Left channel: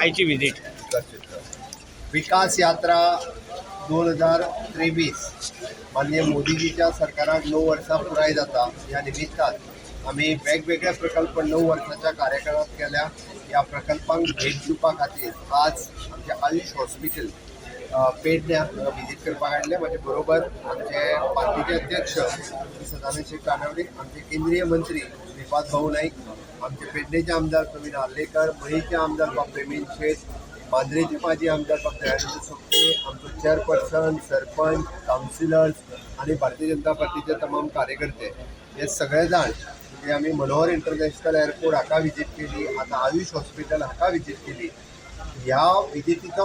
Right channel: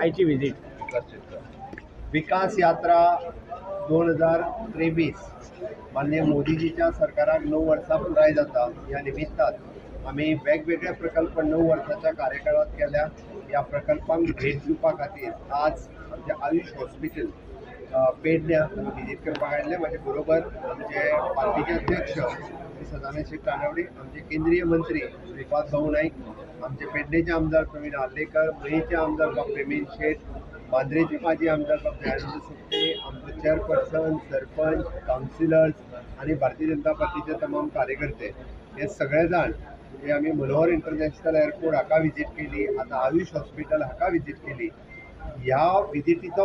आईची विजिट विकास यात्रा 2023 माननीय मोदीजीच्या सरकाराक 9 वर्सां पुराय जाता. ह्या निमित्तान आम्ही वेगवेगळे प्रकल्प 9 वर्साच्या कार्यकाळात केल्या. या प्रकल्पांक भेट दिवपा खातीर आज आमचे आयुष हॉस्पिटल पेडण्या विजीट करपाक आयिल्ले. म्हाजे बरोबर आमचे पार्टीचे अध्यक्ष श्री सदानंद शेख कानावडे, आमचे केंद्रीय मंत्री श्रीपाद भाऊ नाईक, आमचे पेडणेचे आमदार प्रवीण आर्लेकर, मयेचे आमदार डॉ प्रेमीन शेठ, मांद्रेचे माजी आमदार डॉ दयानंद सोपटे, आमचो चेअरपर्सन, सरपंच, काउन्सिलर्स आणि भारतीय जनता पार्टीचे तमाम कार्यकर्ते हे सगळे जाण म्हणजे आम्ही मनोहर इंटरनॅशनल एअरपोर्ट हाका विजीट केली. आता आयुष हॉस्पिटल हाका विजीट केली. ह्या विजिटीचो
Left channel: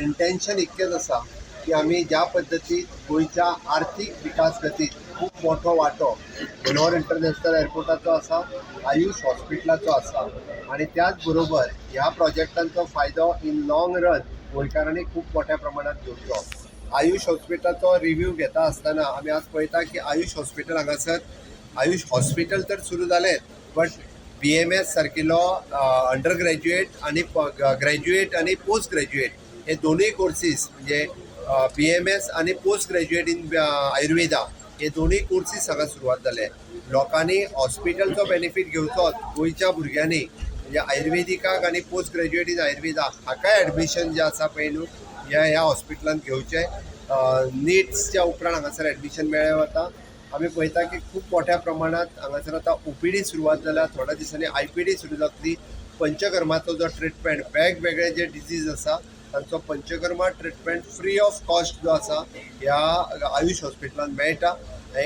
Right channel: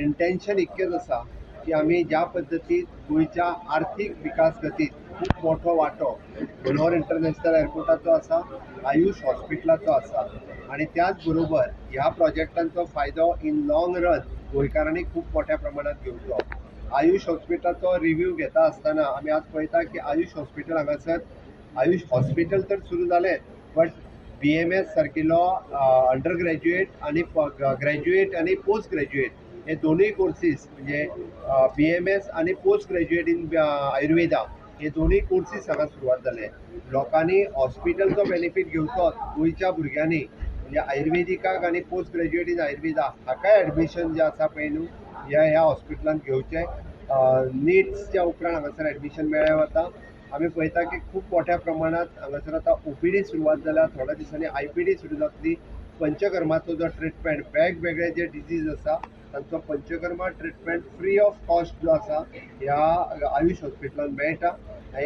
इंटेन्शन इतकेच आसा की आम्ही ज्या पद्दतीत गोयच्या आर्थीक विकास गतीत खूप मोठो वांटो मनोहर इंटरनॅशनल एअरपोर्टाचो आसा, आयुष हॉस्पिटलाचो आसा आणि त्याच बरोबर ह्या प्रोजेक्टांचो फायदो इन लॉंग रन गोंयकारांनी खूप मोठ्या प्रमाणात घेवचो. आयुष हॉस्पिटलाचो रिव्ह्यू घेता आसतना आमी आज पळयता की आयुष हॉस्पिटल हांगासर आयुष हॉस्पिटल तर सुरू जालें, बट BMS सारकिलो अंडर ग्रॅज्युएट आणि ग्रॅज्युएट आणि पोस्ट ग्रॅज्युएट हे दोनूय कोर्सीस म्हणजे BMS आणि पोस्ट ग्रॅज्युएट इन आयुर्वेदा हे दोनूय कोर्सीस हांगा सुरवात जाले. लोकांनी हॉस्पिटलचो बेनिफीट घेवचो. गोंयच्या भुरग्यांनी म्हणजे आयुर्वेदिकाक आणि पोस्ट ग्रॅज्युएट इन आयुर्वेदा हाकाय ॲडमिशन जे आसा पळय न्हू ह्या हॉस्पिटलांत घेवचें. नीट्सच्या उपरांत हांगासर ॲडमिशन मेळ्ळें वता. आम्ही पळयता की खूप मोठ्या प्रमाणात हांगासर आता OPD सुरवात जाल्या. थोड्या दिसांनी IPD सुरू जातली. पंचकर्माचो जो ट्रिटमेंट वेगवेगळे जे डिजीज आसा तांचो panchakarma treatment free of cost जो आसा ह्या आयुष हॉस्पिटलांत मेळटा.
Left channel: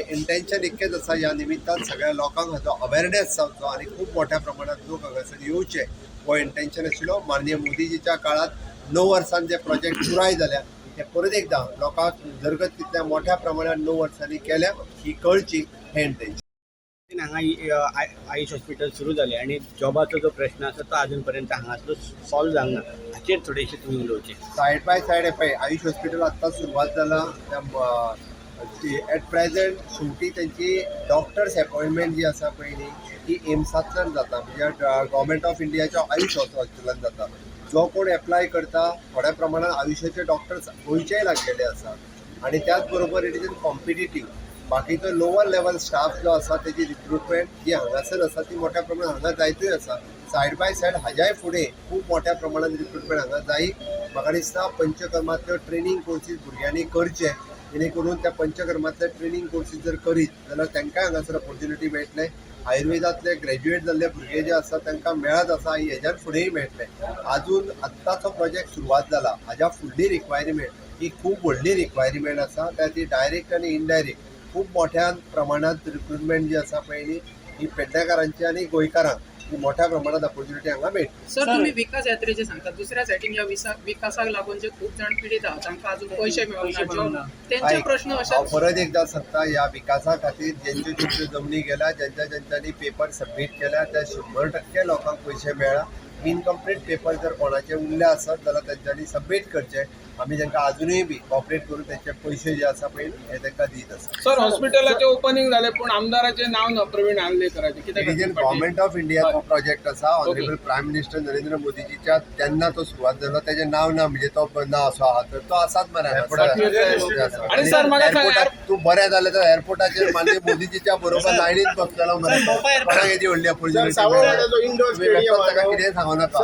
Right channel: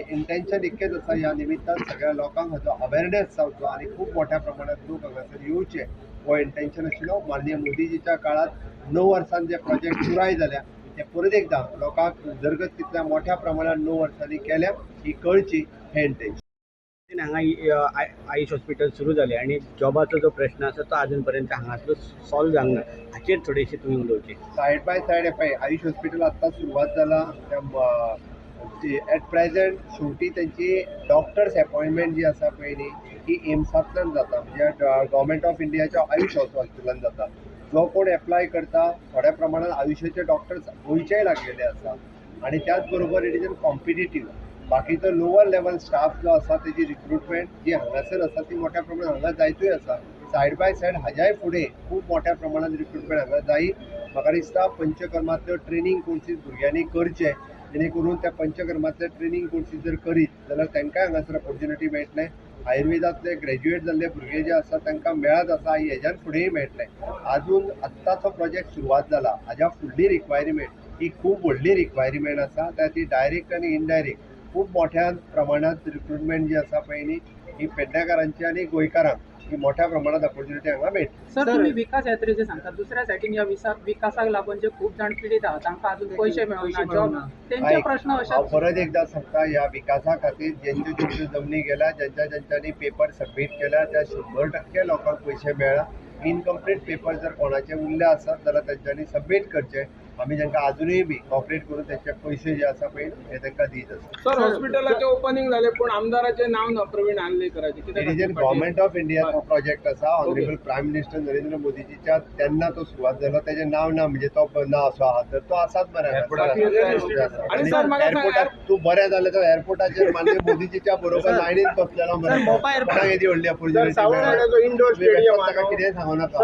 इंटेन्शन इतकेच आसा ह्या निमित्तान सगळ्या लोकांक हाचो अवेरनेस जावचो आणि खूप मोठ्या प्रमाणात लोक हांगासर येवचे हो इंटेन्शन आशिल्लो. माननीय मोदीजीच्या काळात 9 वर्सांत जे प्रोजेक्ट पुराय जाल्या ते परत एकदा लोकांक उदरगत कितल्या मोठ्या प्रमाणात 9 वर्सांनी केल्या ही कळची हे इंटेन्शन. हांगा आयुष हॉस्पिटल सुरू जालें आणि जॉबाचो जो प्रश्न आसा तो अजून पर्यंत हांगासर सॉल्व जावंक ना. हाचेर थोडेशे तुमी उलोवचे. सायड बाय सायड पळय आयुष हॉस्पिटल आत्तां सुरवात जाला. एट प्रेझेंट शेवटी त्यांची डॉक्टर्स अपॉइंटमेंट जी आसा पळय न्ही ही एम्सांतल्यान जाता म्हणजे गव्हर्मेंट ऑफ इंडियाच्या आयुष हॉस्पिटलान जाता. जो कोण एप्लाय करता थोड्या प्रमाणात आयुष्याचे डॉक्टर्स गोंयचेय लागलेले आसा आणि त्याच बरोबर इट इज इन कॉम्पिटिटीव. बाकीचो लोवर लेवल स्टाफ जो आसा तेजी रिक्रुटमेंट जी हांगासर आसा ती मोठ्या प्रमाणात हांगा जायतूय आसा. सायड बाय सायड हाज्याय फुडें खूप मोठ्या प्रमाणात रिक्रुटमेंट हांगा जायी. म्हाका दिसता पंचकर्मांतल्यो ट्रेनींग कोर्सीस भुरग्यांनी करचे जेणे करून त्या पंचकर्मांतले ट्रेनींग कोर्सीस जर करीत जाल्यार तांकांय हांगासर ऑपॉर्च्युनिटी मेळटले. आयुर्वेदांतले ग्रॅज्युएट जाल्ले भुरगे जे आसा तांकां मेळत आसा हेज्यार फुडेंय मेळटले. अजून आत्ताचो प्रोजेक्ट सुरवात जाला हाज्या फुडली रिक्वायरमेंट ही खूप व्हडली रिक्वायरमेंट आसा. ती डायरेक्ट आनी इनडायरेक्ट खूप मोठ्या प्रमाणात रिक्रुटमेंट जी आसा पळय न्ही ही पेडणेकारांची आणि गोंयकारांक ही मोठ्या प्रमाणात ऑपॉर्च्युनिटी हांगा मेळटा. सर तुम्ही विकास यात्रेचे सांगता दुसऱ्या सायडीन या विकासाक लागून जे खूप जाण पीडित आहात तांकां अजून पैसे मेळना जॉब त्यांचे प्रश्न हांव अशेच. परत एकदा सांगता ह्या विकासा खातीर ज्यांच्यो जमनी गेल्या ज्यांच्यांनी पेपर सबमीट केल्या त्या 100% लोकांक पैसे मेळ्ळा. इनकम्प्लीट पेपर जर कोणाचे उरले आसत जाल्यार तांच्यांनी सबमीट करचे. आम्ही तांकां अजूनय बी कॉपरेट करून त्याचे पैसे जे आसा पळय हे तांकां दीत आसा. सर हॉस्पिटलाचे ओपनिंग झाले पण आमदाराचे नाव ना प्रवीण आर्लेकराचे कित्याक गव्हर्मेंट ऑफ इंडियाचो प्रोजेक्ट आसा. ऑनरेबल प्रायम मिनिस्टर नरेंद्र मोदीजीच्या तेन्ना तो सुरवात जालो. तेजे नाव ना म्हणजे तो नाव असो आहा तर तो आसाच मरे. आणि सर म्हाका सांग तू बरें जालें तर एअरपोर्टाचेर माननीय मोदीजीच्या बरोबर लायनीत बसलेलो मरे. व्हडली ऑपॉर्च्युनिटी इंडोर स्टेडियम कितें सांगू नाका.